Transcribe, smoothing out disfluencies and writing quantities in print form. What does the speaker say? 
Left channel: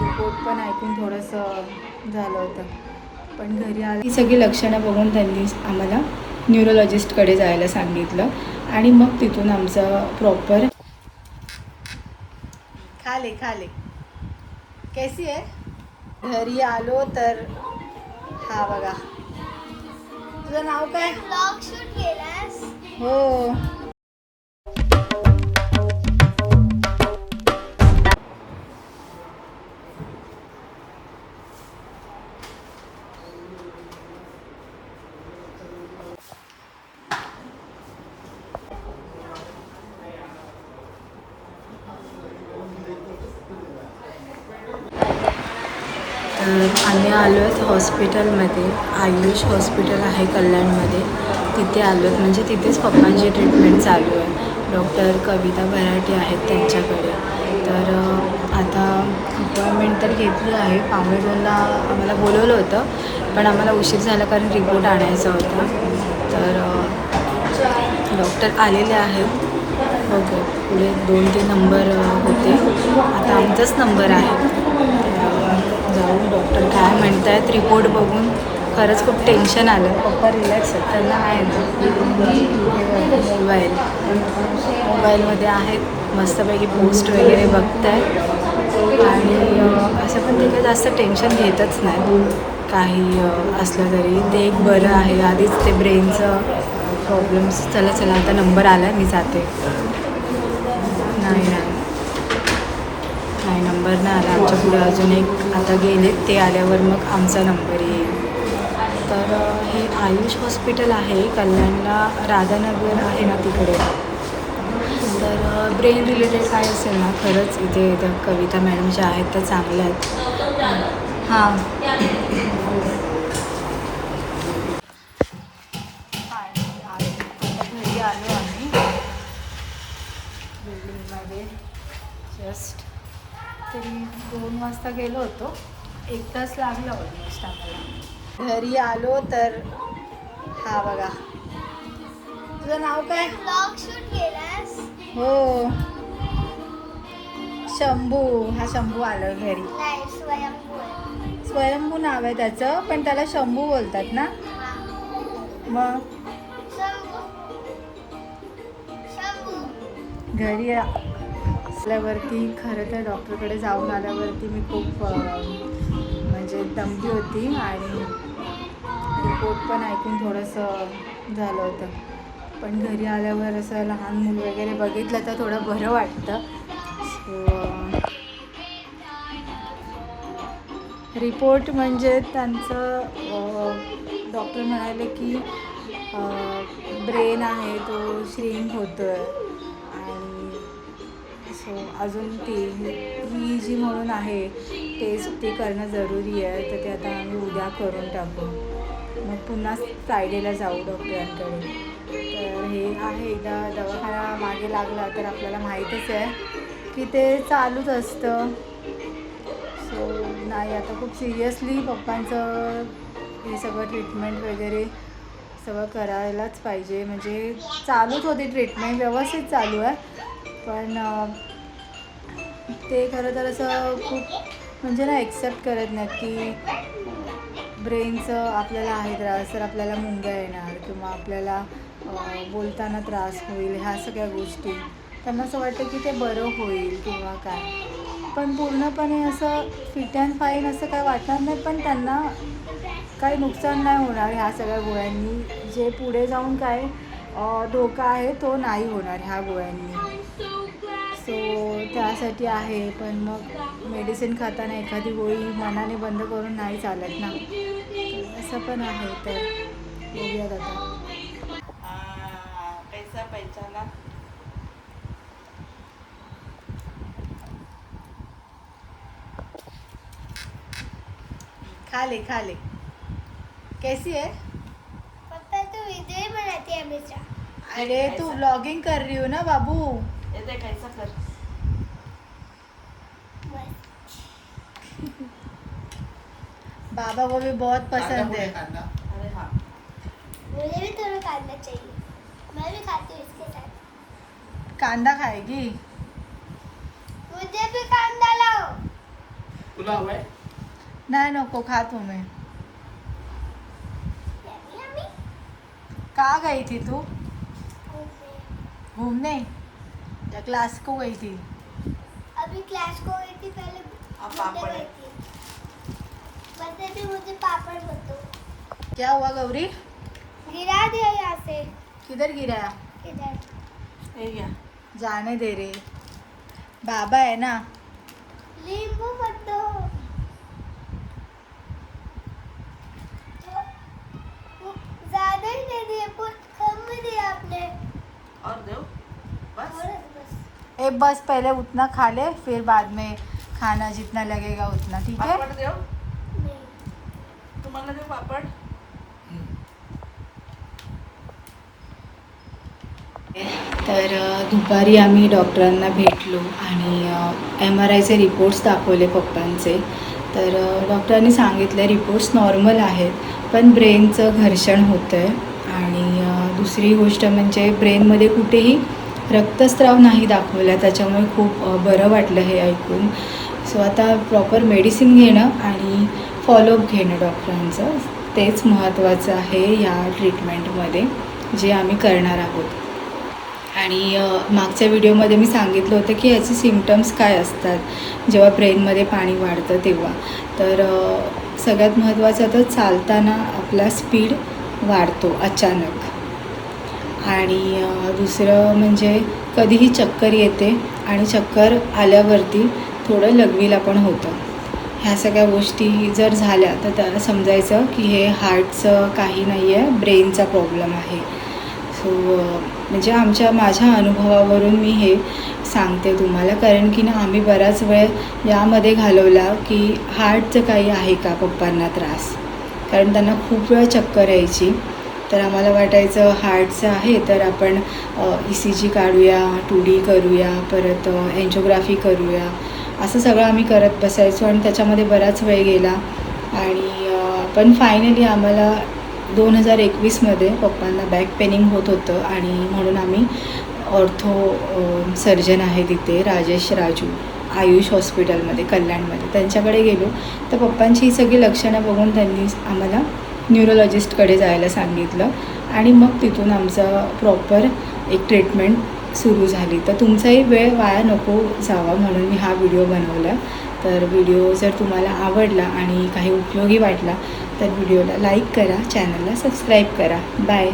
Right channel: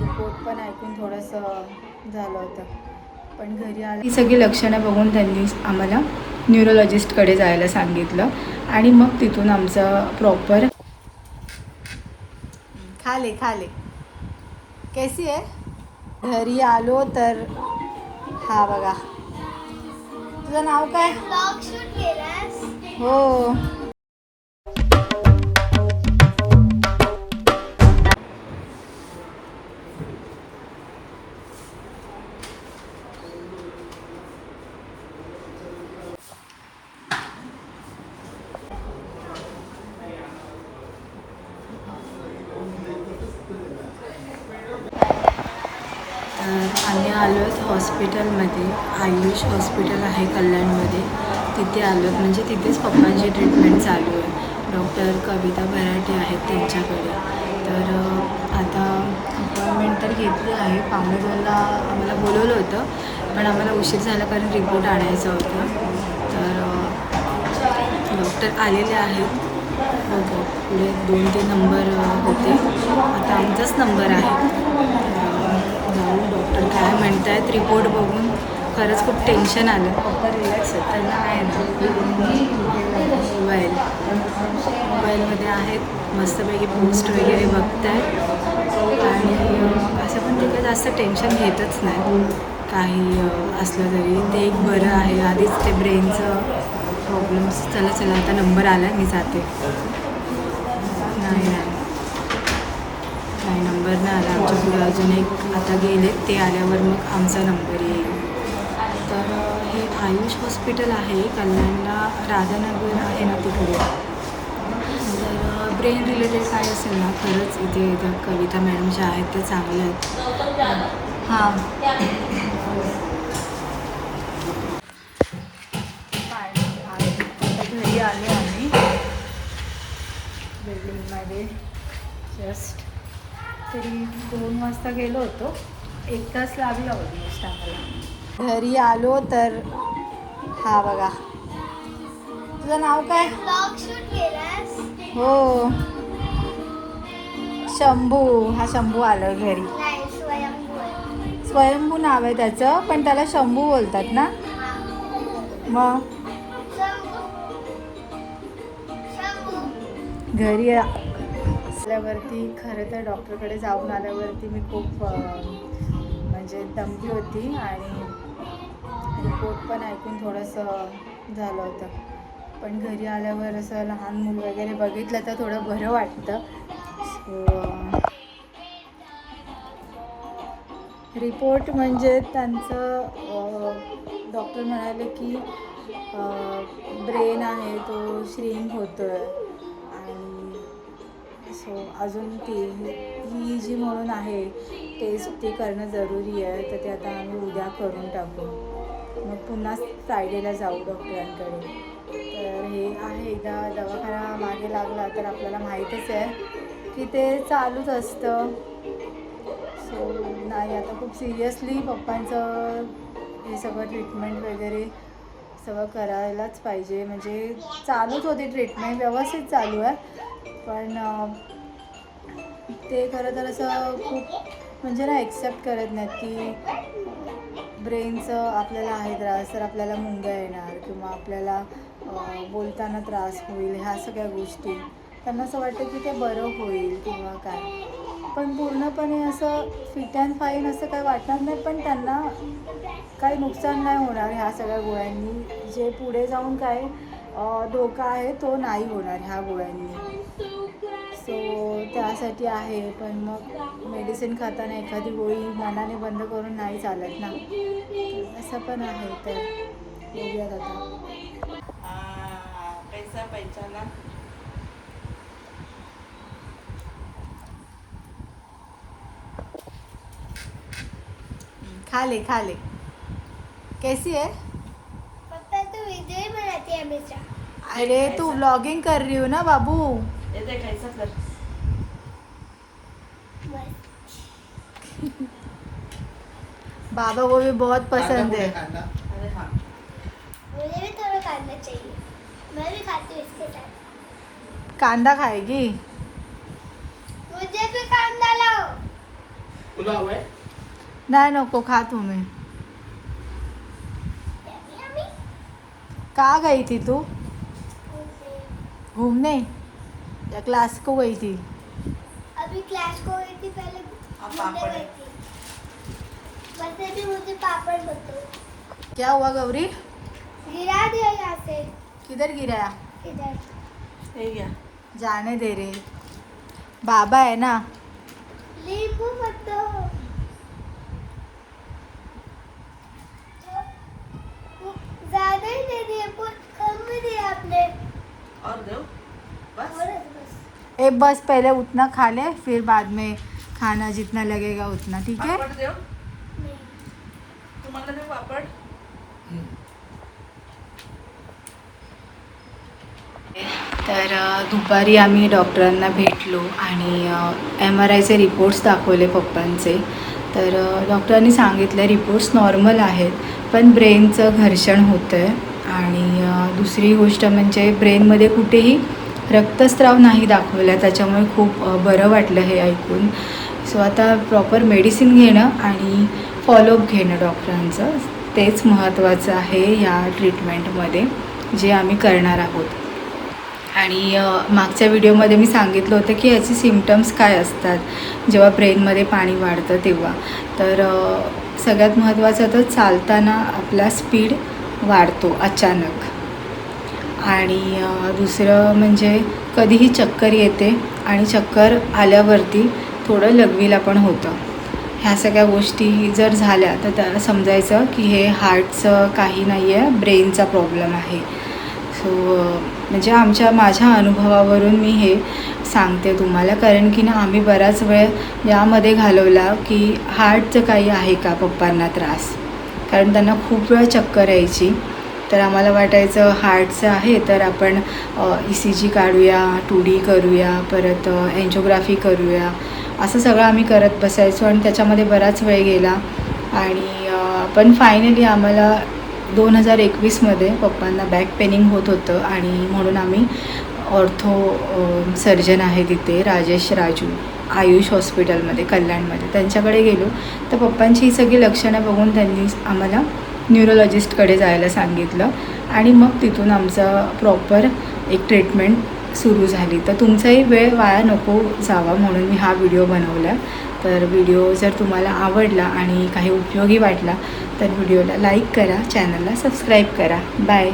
Report पण ऐकून थोडंसं झालं होतं. पण घरी आलं ही सगळी लक्षणं बघून त्यांनी आम्हाला न्यूरोलॉजिस्टकडे जायला सांगितलं आणि मग तिथून आमचं प्रॉपर खाले कैसी आहे घरी आलो तर हा बघा. तुझं नाव काय? हो. तर आम्ही आलो आहेत हॉस्पिटलमध्ये. आयुष हॉस्पिटल आहे कल्याणमध्ये. तिथे आलो आहेत, म्हणजे तिथेच पप्पांची ट्रीटमेंट चालू आहे. डॉक्टर कविता भराटे आहेत त्यांच्याकडे. तर आता अपॉइंटमेंट तर घेतली आहे. 1:15 आम्हाला बोलवलं होतं, पण आम्हाला उशीर झाला कारण रिपोर्ट आणायचा होता. तर डॉक्टर आलेले आहेत. ओके, पुढे 2-3 नंबर होते, आता आमचाच नंबर आहे. जाऊन डॉक्टर काय म्हणत आहेत रिपोर्ट बघून खरंच खूप टेन्शन आलं. पप्पा रिलॅक्स आहेत, त्यांना आहे ना मोबाईलमध्ये आहेत मस्तपैकी पोस्ट वगैरे बघत आहेत. आणि असं पण ते काही जास्त टेन्शन घेतच नाही. काही असलं तरी ते एक बरं आहे. आधीच ते ब्रेनचं प्रॉब्लेम्स. चला आता नंबर आला, मी जाते. नाही नंबर नाही आला आमच्या पुढे. अजून एक आता गेलेत, ते आल्यावर मग आमचा नंबर येईल. तर हे आयुष हॉस्पिटल आहे कल्याणला, राधानगर आहे ना तिकडे. तर ब्रेन रिलेटेड काय असेल ना, खरंच इथे त्या कविता मॅडम ज्या आहेत त्या चांगल्या आहेत. हां घरी आले आम्ही बिल्डिंगमध्ये. जस्ट तरी 2 वाजता गेलो होतो. 1 तास लागला ऑलमोस्ट आम्हाला. घरी आलो तर हा बघा. तुझं नाव काय? हो, शंभू. हा शंभू आलो घरी. स्वयंभू नाव आहे त्याचं, पण त्याला शंभू बोलतात ना. मग घरी असल्यावरती खरं तर डॉक्टरकडे जाऊन आल्यावरती मी खूप म्हणजे दमली होती आणि रिपोर्ट पण ऐकून थोडंसं झालं होतं. पण घरी आल्यावर असं लहान मूल वगैरे बघितलं तर थोडं बरं वाटतं. सो रिपोर्ट म्हणजे त्यांचं डॉक्टर म्हणाले की ब्रेन आहे तो श्रिंक होतो आहे. आणि सो अजून EEG म्हणून आहे टेस्ट, ते करणं जरुरी आहे. तर ते आता आम्ही उद्या करून टाकू. मग पुन्हा फ्रायडेला जाऊ डॉक्टरांकडे. तर हे आहे, एकदा दवाखाना मागे लागला तर आपल्याला माहीतच आहे की ते चालूच असतं. सो नाही, आता खूप सिरियसली पप्पांचं हे सगळं ट्रीटमेंट वगैरे सगळं करायलाच पाहिजे. म्हणजे चालूच होती ट्रीटमेंट, व्यवस्थित चालू आहे. पण ते खरं तर असं खूप म्हणजे ना एक्सेप्ट करत नाहीत की ब्रेनचं आपल्याला आहे त्रास तर आपल्याला मुंग्या येणार किंवा आपल्याला बोलताना त्रास होईल. ह्या सगळ्या गोष्टी त्यांना असं वाटतं की ते बरं होईल किंवा काय. पण पूर्णपणे असं फिट अँड फाईन असं काय वाटणार नाही. पण त्यांना काही नुकसान नाही होणार ह्या सगळ्या गोळ्यांनी. जे पुढे जाऊन काय धोका आहे तो नाही होणार ह्या गोळ्यांनी. सो त्यासाठी आहे. पण मग मेडिसिन खाताना एखादी गोळी मनाने बंद करून नाही चालत ना. तर असं पण आहे. तर बघूयात आता. पैसा ना. खा ले कैसी है? पप्पा तू वीडियो बनाती है हमेशा. अरे तू व्लॉगिंग कर रही हो ना बाबू. ये देख ऐसा कर. बाबा को भी बहुत पसंद है. अरे हाँ. मुझे भी थोड़ा कांदा चाहिए. मैं भी खाती हूँ इसके साथ. कांदा खाएगी? मुझे भी कांदा लाओ. तुला हवंय? नाही नको खा तुम्ही. कहाँ गई थी तू घूमने या क्लास को गई थी? अभी क्लास को गई थी पहले पापड़। गई थी बस अभी मुझे पापड़ बताओ क्या हुआ गौरी? गिरा दिया यहाँ से किधर गिराया? किधर हे घ्या. जाने दे रे, बाबा है ना. नींबू मत दो ज्यादा ही नहीं दिए बहुत कम में दिया आपने और देऊ बस. बस एक बस पहले उतना खा ले फिर बाद में खाना जितना लगेगा उतना, ठीक है? पापड देऊ नहीं तुम्हाला देऊ पापड. तर दुपारी आम्ही डॉक्टरांना भेटलो आणि MRIचे रिपोर्ट्स दाखवले पप्पांचे. तर डॉक्टरांनी सांगितलं रिपोर्ट्स नॉर्मल आहेत, पण ब्रेनचं घर्षण होतं आहे आणि दुसरी गोष्ट म्हणजे ब्रेनमध्ये कुठेही रक्तस्राव नाही दाखवला. त्याच्यामुळे खूप बरं वाटलं हे ऐकून. सो आता प्रॉपर मेडिसिन घेणं आणि फॉलोअप घेणं डॉक्टरांचं तेच महत्त्वाचं आहे ह्या ट्रीटमेंटमध्ये जे आम्ही करणार आहोत. आणि मागच्या व्हिडिओमध्ये मी सांगितलं होतं की याचे सिम्पटम्स काय असतात जेव्हा ब्रेनमध्ये पाणी वाढतं तेव्हा. तर सगळ्यात महत्त्वाचं तर चालताना आपला स्पीड वाढतो अचानक, आणि दुसरं म्हणजे कधीही चक्कर येते आणि चक्कर आल्यावरती थोडं लघवीला पण होतं. ह्या सगळ्या गोष्टी जर झाल्या तर त्याला समजायचं की हे हार्टचं काही नाही आहे, ब्रेनचा प्रॉब्लेम आहे. सो म्हणजे माझ्या अनुभवावरून मी हे सांगते तुम्हाला, कारण की ना आम्ही बराच वेळ यामध्ये घालवला की हार्टचं काही आहे का पप्पांना त्रास, कारण त्यांना खूप वेळ चक्कर यायची. तर आम्हाला वाटायचं हार्टचं आहे तर आपण ECG काढूया, 2D करूया, परत एन्जिओग्राफी करूया, असं सगळं आम्ही करत बसायचो आणि त्याच्यामध्ये बराच वेळ गेला. आणि पण फायनली आम्हाला 2021मध्ये पप्पांना बॅक पेनिंग होत होतं आणि म्हणून आम्ही ऑर्थो सर्जन आहे तिथे राजेश राजू आयुष हॉस्पिटलमध्ये कल्याणमध्ये त्यांच्याकडे गेलो. तर पप्पांची ही सगळी लक्षणं बघून त्यांनी आम्हाला न्यूरोलॉजिस्टकडे जायला सांगितलं आणि मग तिथून आमचं प्रॉपर एक ट्रीटमेंट सुरू झाली. तर तुमचाही वेळ वाया नको जावा म्हणून मी हा व्हिडिओ बनवला. तर व्हिडिओ जर तुम्हाला आवडला आणि काही उपयोगी वाटला तर व्हिडिओला लाईक करा, चॅनलला सबस्क्राईब करा. बाय.